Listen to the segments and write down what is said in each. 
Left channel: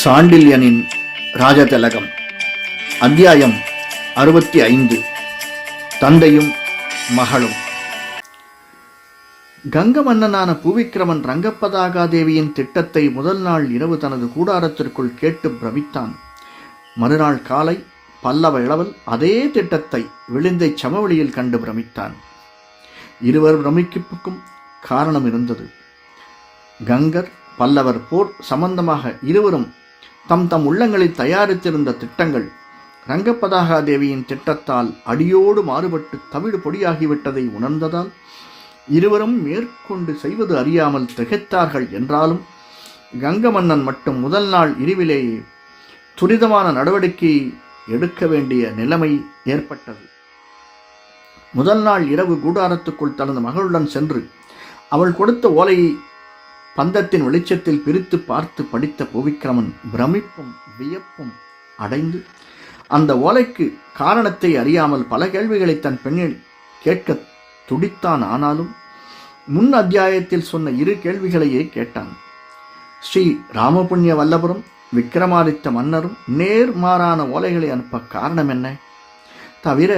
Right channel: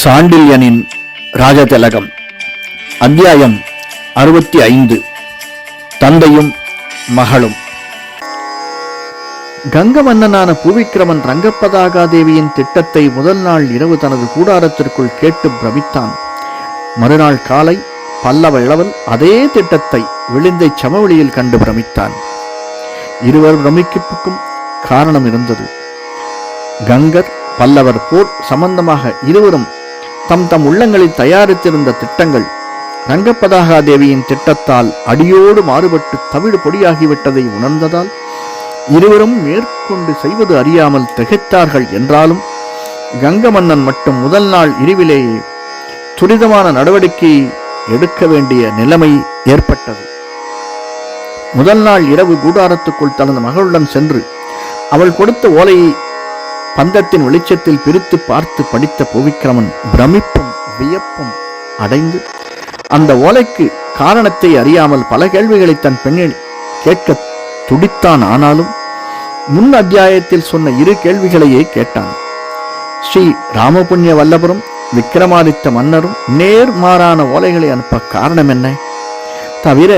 சாண்டில்யனின் ராஜதிலகம். அத்தியாயம் 65. தந்தையும் மகளும். கங்க மன்னனான பூவிக்கிரமன் ரங்கப்பதாகாதேவியின் திட்டத்தை முதல் நாள் இரவு தனது கூடாரத்திற்குள் கேட்டு பிரமித்தான். மறுநாள் காலை பல்லவ இளவல் அதே திட்டத்தை விளிந்தை சமவெளியில் கண்டு பிரமித்தான். இருவர் பிரமிப்புக்கும் காரணம் இருந்தது. கங்கர் பல்லவர் போர் சம்பந்தமாக இருவரும் தம் தம் உள்ளங்களில் தயாரித்திருந்த திட்டங்கள் ரங்கப்பதாகாதேவியின் திட்டத்தால் அடியோடு மாறுபட்டு தவிடு பொடியாகிவிட்டதை உணர்ந்ததால் இருவரும் மேற்கொண்டு செய்வது அறியாமல் திகைத்தார்கள். என்றாலும் கங்க மன்னன் மட்டும் முதல் நாள் இரவிலேயே துரிதமான நடவடிக்கை எடுக்க வேண்டிய நிலைமை ஏற்பட்டது. முதல் நாள் இரவு கூடாரத்துக்குள் தனது மகளுடன் சென்று அவள் கொடுத்த ஓலையை பந்தத்தின் வெளிச்சத்தில் பிரித்து பார்த்து படித்த பூவிக்கிரமன் பிரமிப்பும் வியப்பும் அடைந்து அந்த ஓலைக்கு காரணத்தை அறியாமல் பல கேள்விகளை தன் பெண்ணில் கேட்க துடித்தான். ஆனாலும் முன் அத்தியாயத்தில் சொன்ன இரு கேள்விகளையே கேட்டான். ஸ்ரீ ராமபுண்ணிய வல்லபரும் விக்கிரமாதித்த மன்னரும் நேர்மாறான ஓலைகளை அனுப்ப காரணம் என்ன? தவிர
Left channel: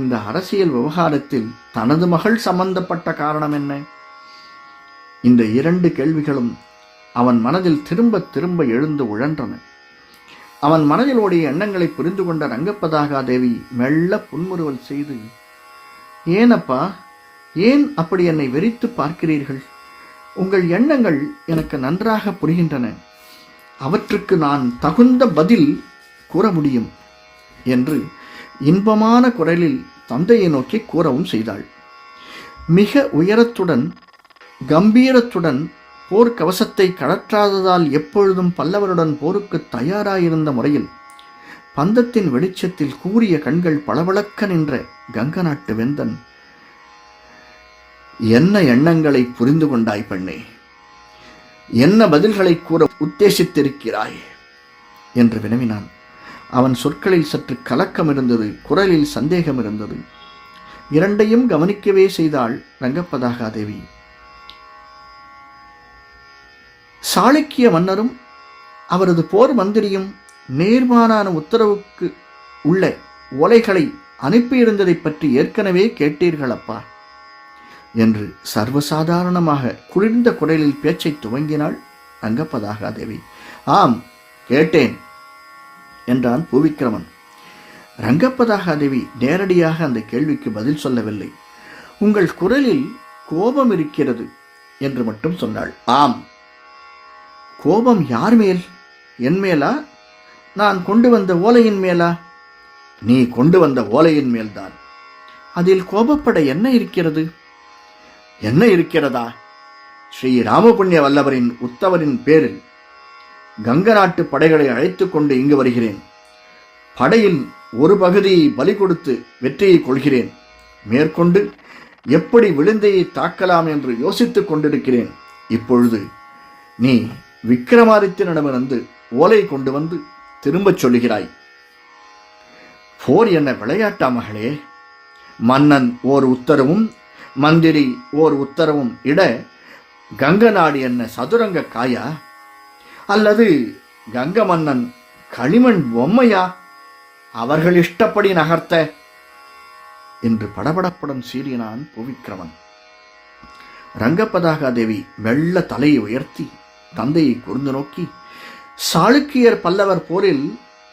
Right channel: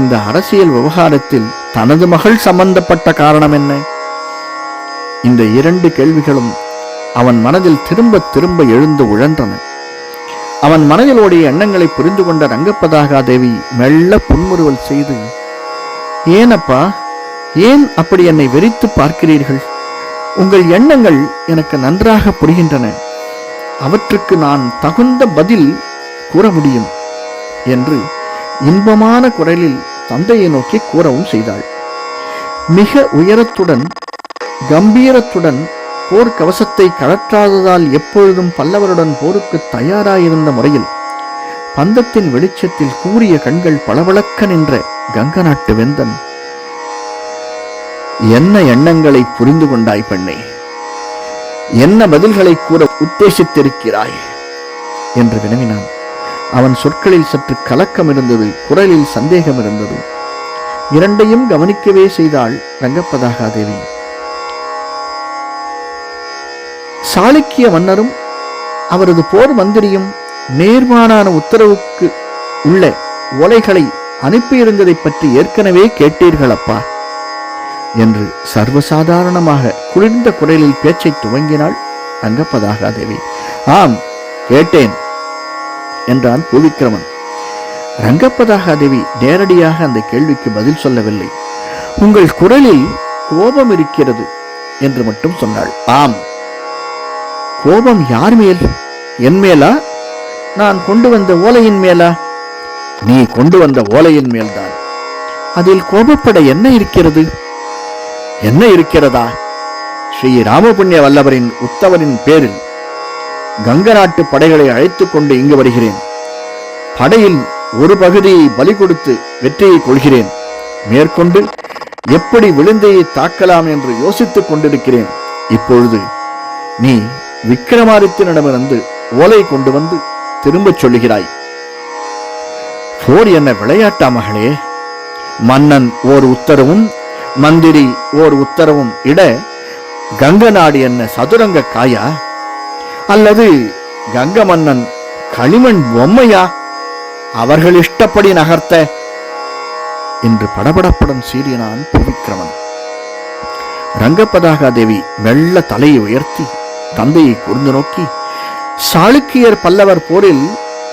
இந்த அரசியல் விவகாரத்தில் தனது மகள் சம்பந்தப்பட்ட காரணம் என்ன? இந்த இரண்டு கேள்விகளும் அவன் மனதில் திரும்ப திரும்ப எழுந்து உழன்றன. அவன் மனதில் ஓடிய எண்ணங்களை புரிந்து கொண்ட ரங்கப்பதாகாதேவி மெல்ல புன்முறுவல் செய்து, ஏனப்பா, ஏன் அப்படி என்னை வெறித்து பார்க்கிறீர்கள்? உங்கள் எண்ணங்கள் எனக்கு நன்றாக புரிகின்றன. அவற்றுக்கு நான் தகுந்த பதில் கூற முடியும் என்று இன்பமான குரலில் தந்தையை நோக்கி கூறவும் செய்தாள். மிக உயரத்துடன் கம்பீரத்துடன் போர் கவசத்தை கழற்றாததால் எப்பொழுதும் பல்லவருடன் போருக்கு தயாராயிருந்த முறையில் பந்தத்தின் வெளிச்சத்தில் கூரிய கண்கள் பளபளக்க நின்ற கங்க நாட்டு வெந்தன், என்ன எண்ணங்களை புரிந்து கொண்டாய் பெண்ணே? என்ன பதில்களை கூற உத்தேசித்திருக்கிறாய் என்று வினவினான். அவன் சொற்களில் சற்று கலக்கம் இருந்தது, குரலில் சந்தேகம் இருந்தது. இரண்டையும் கவனிக்கவே செய்தாள் ரங்கப்பதாகாதேவி. சாளுக்கிய மன்னரும் அவரது போர் மந்திரியும் நேர்மாறான உத்தரவுக்கு உள்ள ஓலைகளை அனுப்பியிருந்ததை பற்றி ஏற்கனவே கேட்டீர்களப்பா என்று சர்வசாதாரணமாக குளிர்ந்த குரலில் பேச்சை துவங்கினாள் ரங்கப்பதாகாதேவி. ஆம், கேட்டேன் என்றான் பூவிக்கிரமன். ரங்கப்பதாகாதேவி நேரடியாக அந்த கேள்விக்கு பதில் சொல்லவில்லை. உங்கள் குரலில் கோபம் இருக்கிறது என்று மட்டும் சொன்னாள். ஆம். கோபம் யார் மேல்? என் மேலா? நான் கொண்டு வந்த ஓலையின் மேலா? நீ கொண்டு வந்த ஓலையின் மேல்தான். அதில் கோபப்பட என்ன இருக்கிறது? என்ன இருக்கிறதா? ஸ்ரீ ராமபுண்ணிய வல்லவரின் உத்தவரின் பேரில் கங்க நாட்டு படைகளை அழைத்துக் கொண்டு இங்கு வருகிறேன். படையில் ஒரு பகுதியை பலி கொடுத்து வெற்றியை கொள்கிறேன். மேற்கொண்டு எப்படி விழுந்தையை தாக்கலாம் என்று யோசித்துக் கொண்டிருக்கிறேன். இப்பொழுது நீ விக்கிரமாதித்தனிடமிருந்து ஓலை கொண்டு வந்து திரும்பச் சொல்லுகிறாய். போர் என்ன விளையாட்டா மகளே? மன்னன் ஓர் உத்தரவும் மந்திரி ஓர் உத்தரவும் இட கங்க நாடு என்ன சதுரங்க காயா? அல்லது கங்க மன்னன் களிமண் பொம்மையா? அவர்கள் இஷ்டப்படி நகர்த்த என்று படபடப்புடன் சீறினான் பூவிக்கிரமன். ரங்கப்பதாகாதேவி மெல்ல தலையை உயர்த்தி தந்தையை கூர்ந்து நோக்கி, சாளுக்கியர் பல்லவர் போரில்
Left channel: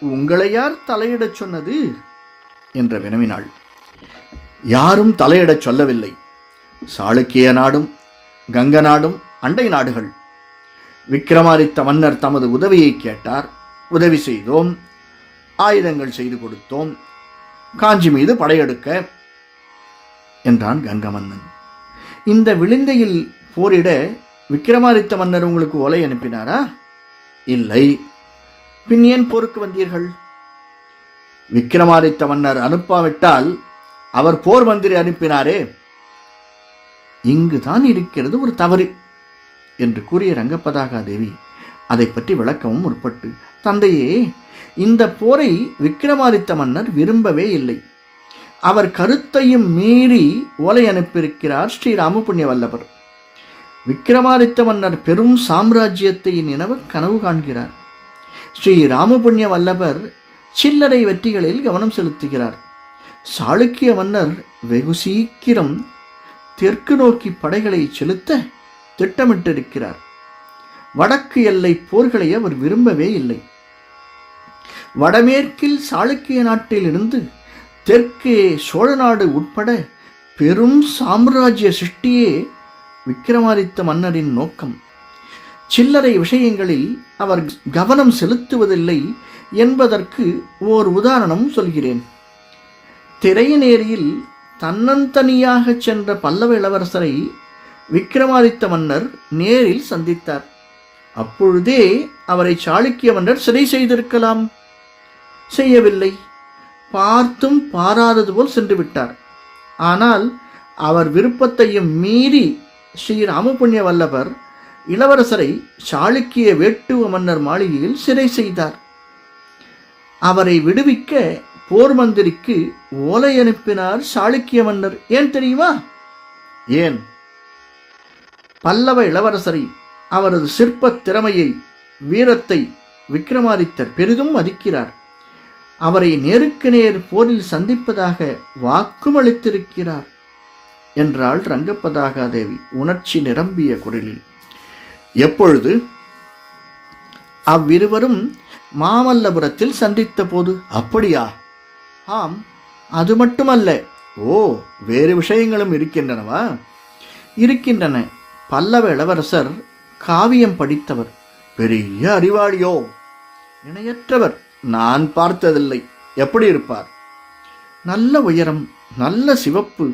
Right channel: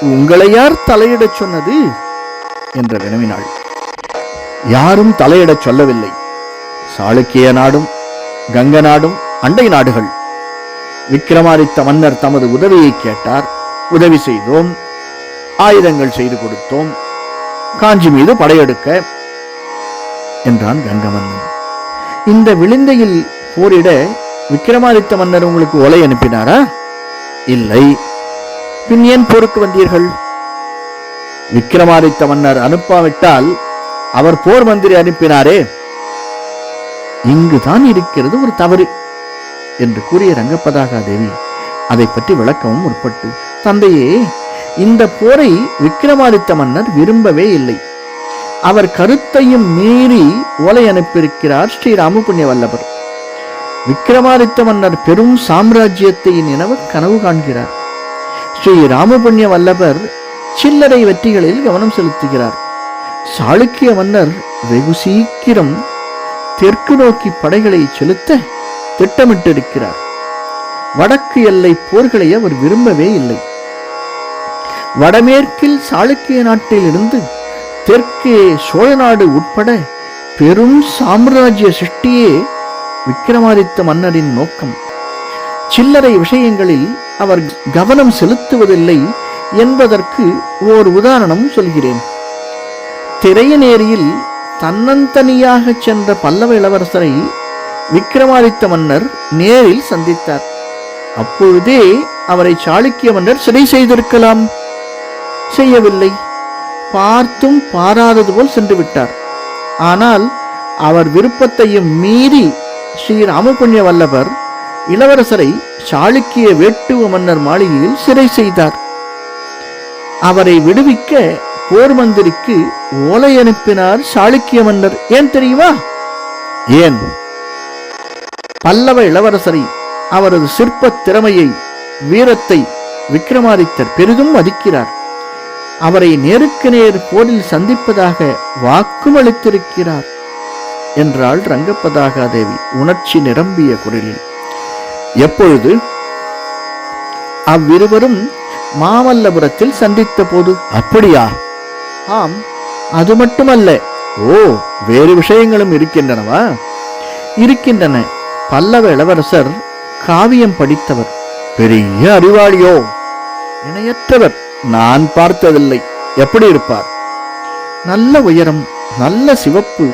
உங்களை யார் தலையிடச் சொன்னது என்று வினவினாள். யாரும் தலையிடச் சொல்லவில்லை. சாளுக்கிய நாடும் கங்க நாடும் அண்டை நாடுகள். விக்கிரமாதித்த மன்னர் தமது உதவியை கேட்டார். உதவி செய்தோம், ஆயுதங்கள் செய்து கொடுத்தோம், காஞ்சி மீது படையெடுக்க என்றான் கங்க மன்னன். இந்த விளிந்தையில் போரிட விக்கிரமாதித்த மன்னர் உங்களுக்கு ஓலை அனுப்பினாரா? இல்லை. பின் ஏன் போருக்கு வந்தீர்கள்? விக்கிரமாதித்த மன்னர் அனுப்பாவிட்டால் அவர் போர் மந்திரி அனுப்பினாரே. இங்குதான் இருக்கிறது ஒரு தவறு என்று கூறிய ரங்கப்பதாகாதேவி அதை பற்றி விளக்கவும் முற்பட்டு, தந்தையே, இந்த போரை விக்கிரமாதித்த மன்னர் விரும்பவே இல்லை. அவர் கருத்தையும் மீறி ஓலை அனுப்பியிருக்கிறார் ஸ்ரீ ராமபுண்ணிய வல்லபர். விக்கிரமாதித்த மன்னர் பெரும் சாம்ராஜ்யத்தை நினைவு கனவு காண்கிறார். ஸ்ரீ ராமபுண்ணிய வல்லபர் சில்லறை வெற்றிகளில் கவனம் செலுத்துகிறார். சாளுக்கிய மன்னர் வெகு சீக்கிரம் தெற்கு நோக்கி படைகளை செலுத்த திட்டமிட்டிருக்கிறார். வடக்கு எல்லை போர்களை அவர் விரும்பவே இல்லை. வடமேற்கில் சாளுக்கிய நாட்டில் இருந்து தெற்கே சோழ நாடு உட்பட பெரும் சாம்ராஜ்ய சிருஷ்டியே விக்கிரமாதித்த மன்னரின் நோக்கம். சில்லறை விஷயங்களில் அவர் கவனம் செலுத்துவதில்லை என்பதற்கு ஓர் உதாரணம் சொல்கிறேன். திரையநேரியில் தன்னந்தனியாக சென்ற பல்லவ இளவரசரை விக்கிரமாதித்த மன்னர் நேரில் சந்தித்தார். அப்பொழுதே அவரை சாளுக்கிய மன்னர் சிறை செய்திருக்கலாம். செய்யவில்லை. பார்த்தும் பாராதது போல் சென்று விட்டார். ஆனால் அவர் விருப்பத்தையும் மீறி ஸ்ரீ ராமபுண்ணிய வல்லபர் இளவரசரை சாளுக்கிய வேட்டுவ மன்னர் மாளிகையில் சிறை செய்தார். அவரை விடுவிக்க போர் மந்திரிக்கு ஓலை அனுப்பினார் சாளுக்கிய மன்னர். ஏன் தெரியுமா? ஏன்? பல்லவ இளவரசரை, அவரது சிற்ப திறமையை, வீரத்தை விக்கிரமாதித்தர் பெரிதும் மதிக்கிறார். அவரை நேருக்கு நேர் போரில் சந்திப்பதாக வாக்கும் அளித்திருக்கிறார் என்றாள் ரங்கப்பதாகா தேவி உணர்ச்சி நிரம்பிய குரலில். எப்பொழுது? அவ்விருவரும் மாமல்லபுரத்தில் சந்தித்த போது. அப்படியா? ஆம். அது மட்டுமல்ல. ஓ, வேறு விஷயங்களும் இருக்கின்றனவா? இருக்கின்றன. பல்லவ இளவரசர் காவியம் படித்தவர், பெரிய அறிவாளியோ, இணையற்றவர். நான் பார்த்ததில்லை. எப்படி இருப்பார்? நல்ல உயரம், நல்ல சிவப்பு,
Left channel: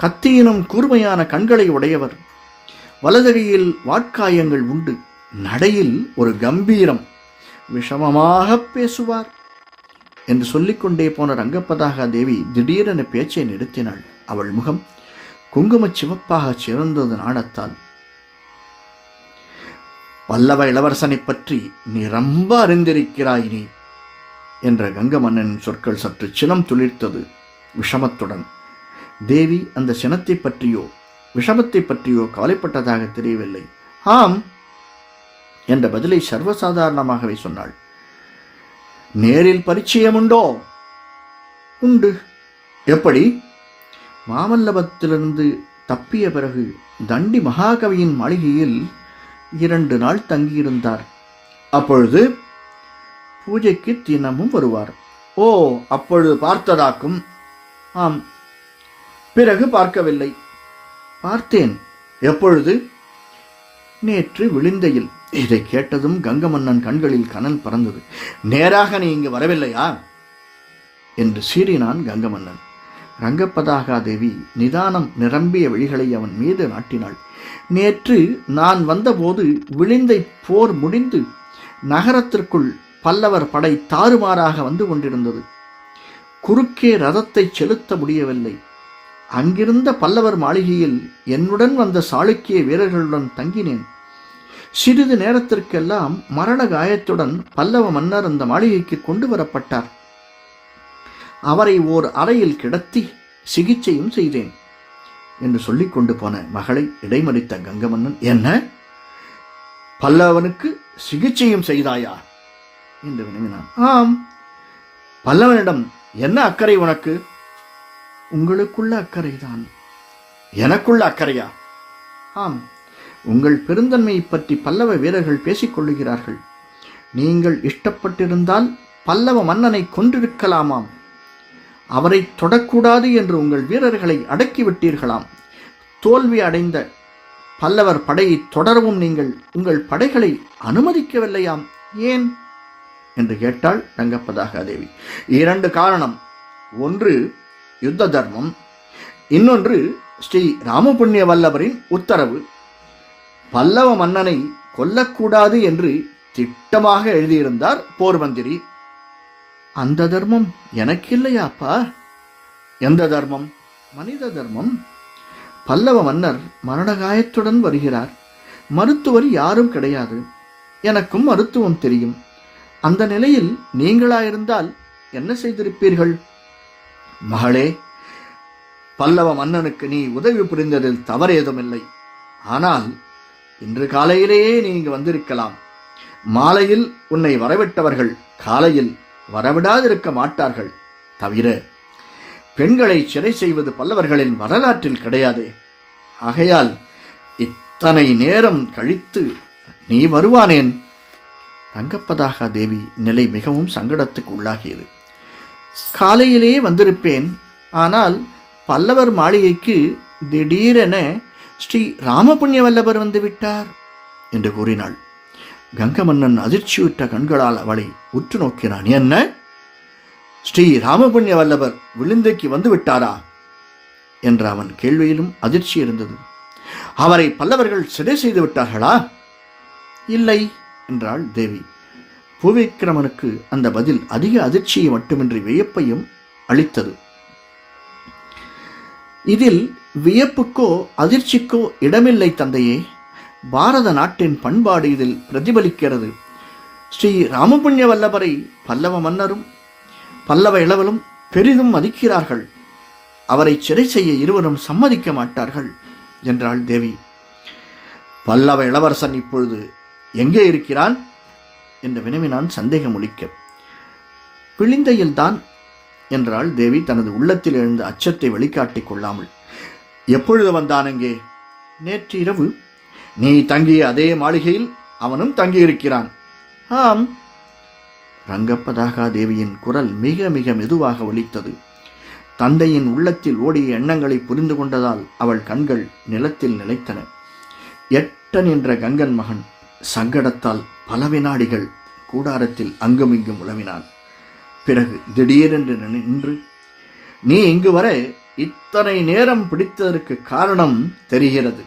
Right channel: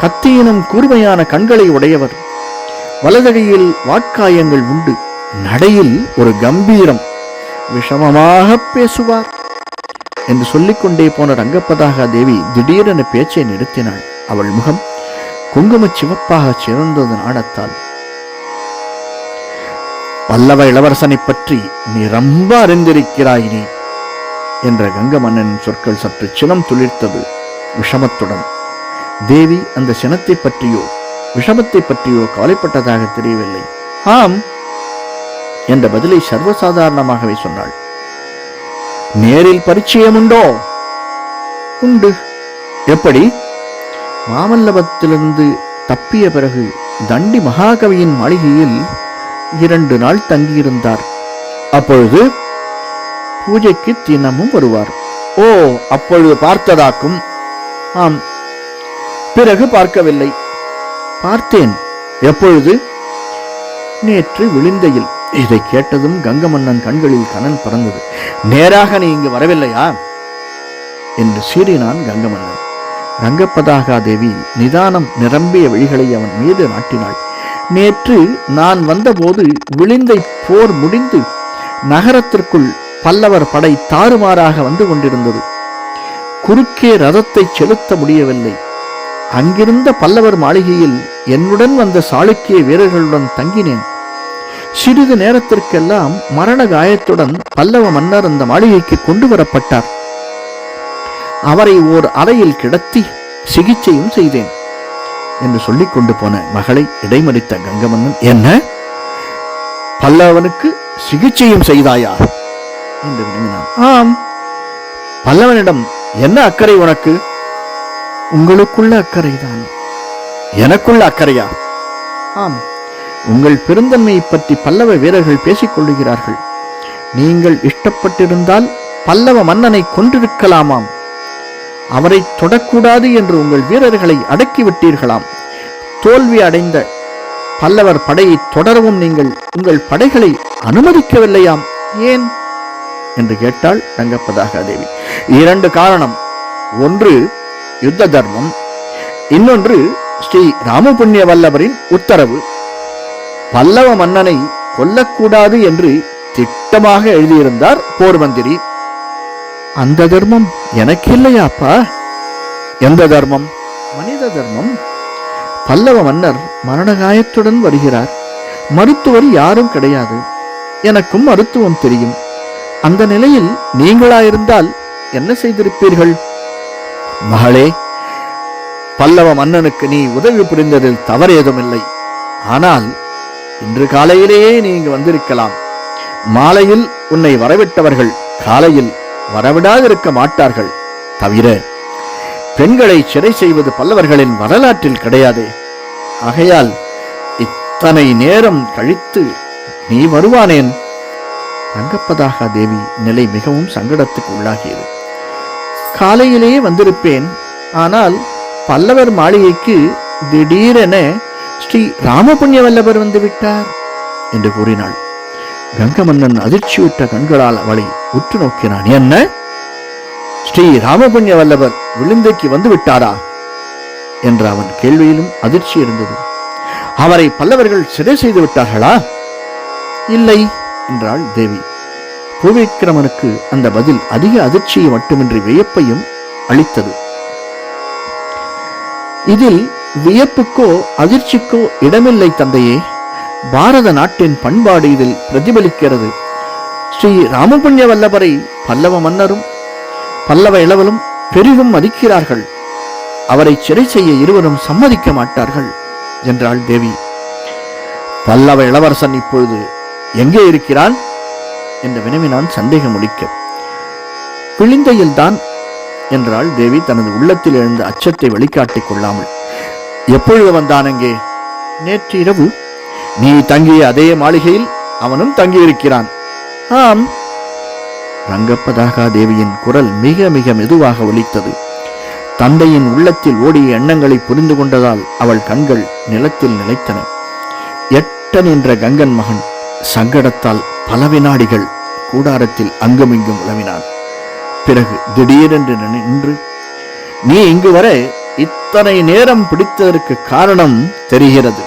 கத்தியினும் கூர்மையான கண்களை உடையவர். வலதகையில் வாட்காயங்கள் உண்டு. நடையில் ஒரு கம்பீரம். விஷமமாக பேசுவார் என்று சொல்லிக்கொண்டே போன ரங்கப்பதாகா தேவி திடீரென பேச்சை நிறுத்தினாள். அவள் முகம் குங்கும சிவப்பாக சிறந்தது நாணத்தால். பல்லவ இளவரசனை பற்றி நீ ரொம்ப அறிந்திருக்கிறாய் நீ என்ற கங்க மன்னனின் சொற்கள் சற்று சினம் துளிர்த்தது விஷமத்துடன். தேவி அந்த சினத்தை பற்றியோ விஷமத்தை பற்றியோ கவலைப்பட்டதாக தெரியவில்லை. ஆம் என்ற பதிலை சர்வசாதாரணமாகவே சொன்னாள். நேரில் பரிச்சயம் உண்டோ? உண்டு. எப்படி? மாமல்லபத்திலிருந்து தப்பிய பிறகு தண்டி மகாகவியின் மாளிகையில் 2 நாள் தங்கியிருந்தார். அப்பொழுது பூஜைக்கு தினமும் வருவார். ஓ, அப்பொழுது பார்த்ததாக்கும். ஆம். பிறகு பார்க்கவில்லை. பார்த்தேன். எப்பொழுது? நேற்று விழுந்தையில். இதை கேட்டதும் கங்கமன்னன் கண்களில் கனல் பறந்தது. நேராக நீ இங்கு வரவில்லையா என்று சீறினான் கங்கமன்னன். ரங்கப்பதாகா தேவி நிதானம் நிரம்பிய விழிகளை அவன் மீது நாட்டினாள். நேற்று நான் வந்தபோது விழுந்தை போர் முடிந்து நகரத்திற்குள் பல்லவர் படை தாறுமாறாக வந்து கொண்டிருந்தது. குறுக்கே ரதத்தை செலுத்த முடியவில்லை. அங்கிருந்த பல்லவர் மாளிகையில் என்னுடன் வந்த சாளுக்கிய வீரர்களுடன் தங்கினேன். சிறிது நேரத்திற்கெல்லாம் மரண காயத்துடன் பல்லவ மன்னர் அந்த மாளிகைக்கு கொண்டு வரப்பட்டார். அவரை ஓர் அறையில் கிடத்தி சிகிச்சையும் செய்தேன் என்று சொல்லிக் கொண்டு போன மகளை இடைமறித்த கங்கமன்னன், என்ன, பல்லவனுக்கு சிகிச்சையும் செய்தாயா என்று வினவினான். ஆம். பல்லவனிடம் என்ன அக்கறை உனக்கு? உங்களுக்குள்ள அக்கறைதான். எனக்குள்ள அக்கறையா? ஆம். உங்கள் பெருந்தன்மையை பற்றி பல்லவ வீரர்கள் பேசிக் கொள்ளுகிறார்கள். நீங்கள் இஷ்டப்பட்டிருந்தால் பல்லவ மன்னனை கொன்றிருக்கலாமாம். அவரை தொடக்கூடாது என்று உங்கள் வீரர்களை அடக்கிவிட்டீர்களாம். தோல்வி அடைந்த பல்லவர் படையை தொடரவும் நீங்கள் உங்கள் படைகளை அனுமதிக்கவில்லையாம். ஏன் என்று கேட்டாள் ரங்கப்பதாகா தேவி. 2 காரணம். ஒன்று யுத்த தர்மம், இன்னொன்று ஸ்ரீ ராமபுண்ணிய வல்லவரின் உத்தரவு. பல்லவ மன்னனை கொல்லக்கூடாது என்று திட்டமாக எழுதியிருந்தார் போர் மந்திரி. அந்த தர்மம் எனக்கு இல்லையாப்பா. எந்த தர்மம்? மனித தர்மம். பல்லவ மன்னர் மரணகாயத்துடன் வருகிறார். மருத்துவர் யாரும் கிடையாது. எனக்கும் மருத்துவம் தெரியும். அந்த நிலையில் நீங்களாயிருந்தால் என்ன செய்திருப்பீர்கள்? மகளே, பல்லவ மன்னனுக்கு நீ உதவி புரிந்ததில் தவறு ஏதுமில்லை. ஆனால் இன்று காலையிலேயே நீ இங்கு வந்திருக்கலாம். மாலையில் உன்னை வரவிட்டவர்கள் காலையில் வரவிடாதிருக்க மாட்டார்கள். தவிர பெண்களை சிறை செய்வது பல்லவர்களின் வரலாற்றில் கிடையாதே. ஆகையால் இத்தனை நேரம் கழித்து நீ வருவானேன்? ரங்கப்பதாகா தேவி நிலை மிகவும் சங்கடத்துக்கு உள்ளாகியது. காலையிலே வந்திருப்பேன். ஆனால் பல்லவர் மாளிகைக்கு திடீரென ஸ்ரீ ராமபுண்ணிய வல்லவர் வந்துவிட்டார் என்று கூறினாள். கங்கமன்னன் அதிர்ச்சியுற்ற கண்களால் அவளை உற்று நோக்கினான். என்ன, ஸ்ரீ ராமபுண்ணிய வல்லவர் விழுந்தைக்கு வந்து விட்டாரா என்ற அவன் கேள்வியிலும் அதிர்ச்சி இருந்தது. அவரை பல்லவர்கள் சிறை செய்து விட்டார்களா? இல்லை என்றாள் தேவி. பூவிக்கிரமனுக்கு அந்த பதில் அதிக அதிர்ச்சியை மட்டுமின்றி வியப்பையும் அளித்தது. இதில் வியப்புக்கோ அதிர்ச்சிக்கோ இடமில்லை தந்தையே. பாரத நாட்டின் பண்பாடு இதில் பிரதிபலிக்கிறது. ஸ்ரீ ராமபுண்ணிய வல்லவரை பல்லவ மன்னரும் பல்லவ இளவலும் பெரிதும் மதிக்கிறார்கள். அவரை சிறை செய்ய இருவரும் சம்மதிக்க மாட்டார்கள் என்றாள் தேவி. பல்லவ இளவரசன் இப்பொழுது எங்கே இருக்கிறான் என்று வினவினான் சந்தேகம் ஒழிக்க. விளிந்தையில்தான் என்றாள் தேவி தனது உள்ளத்தில் எழுந்த அச்சத்தை வெளிக்காட்டிக் கொள்ளாமல். எப்பொழுது வந்தான் அங்கே? நேற்று இரவு. நீ தங்கிய அதே மாளிகையில் அவனும் தங்கியிருக்கிறான். ஆம். ரங்கப்பதாகா தேவியின் குரல் மிக மிக மெதுவாக ஒலித்தது. தந்தையின் உள்ளத்தில் ஓடிய எண்ணங்களை புரிந்து கொண்டதால் அவள் கண்கள் நிலத்தில் நிலைத்தன. எட்ட நின்ற கங்கன் மகன் சங்கடத்தால் பல வினாடிகள் கூடாரத்தில் அங்குமிங்கும் உலவினான். பிறகு திடீரென்று நின்று, நீ இங்கு வர இத்தனை நேரம் பிடித்ததற்கு காரணம் தெரிகிறது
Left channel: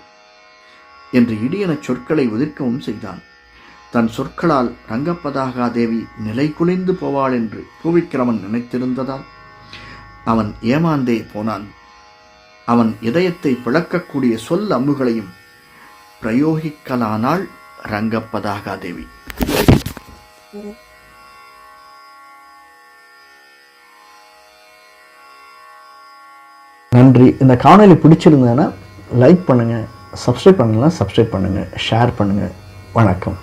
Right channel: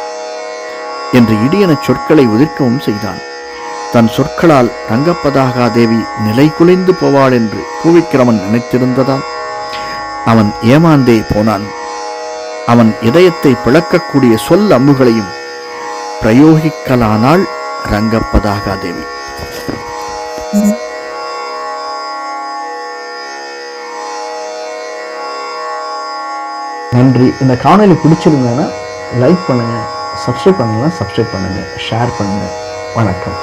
என்று இடியன சொற்களை உதிர்க்கவும் செய்தான். தன் சொற்களால் ரங்கப்பதாகா தேவி நிலை குலைந்து போவாள் என்று பூவிக்கிரமன் நினைத்திருந்ததால் அவன் ஏமாந்தே போனான். அவன் இதயத்தை பிளக்கக்கூடிய சொல் அம்புகளையும் பிரயோகிக்கலானாள் ரங்கப்பதாகா தேவி. நன்றி. இந்த காணொலி பிடிச்சிருந்தேன்னா லைக் பண்ணுங்க, சப்ஸ்கிரைப் பண்ணலாம் சப்ஸ்கிரைப் பண்ணுங்க, ஷேர் பண்ணுங்க. வணக்கம்.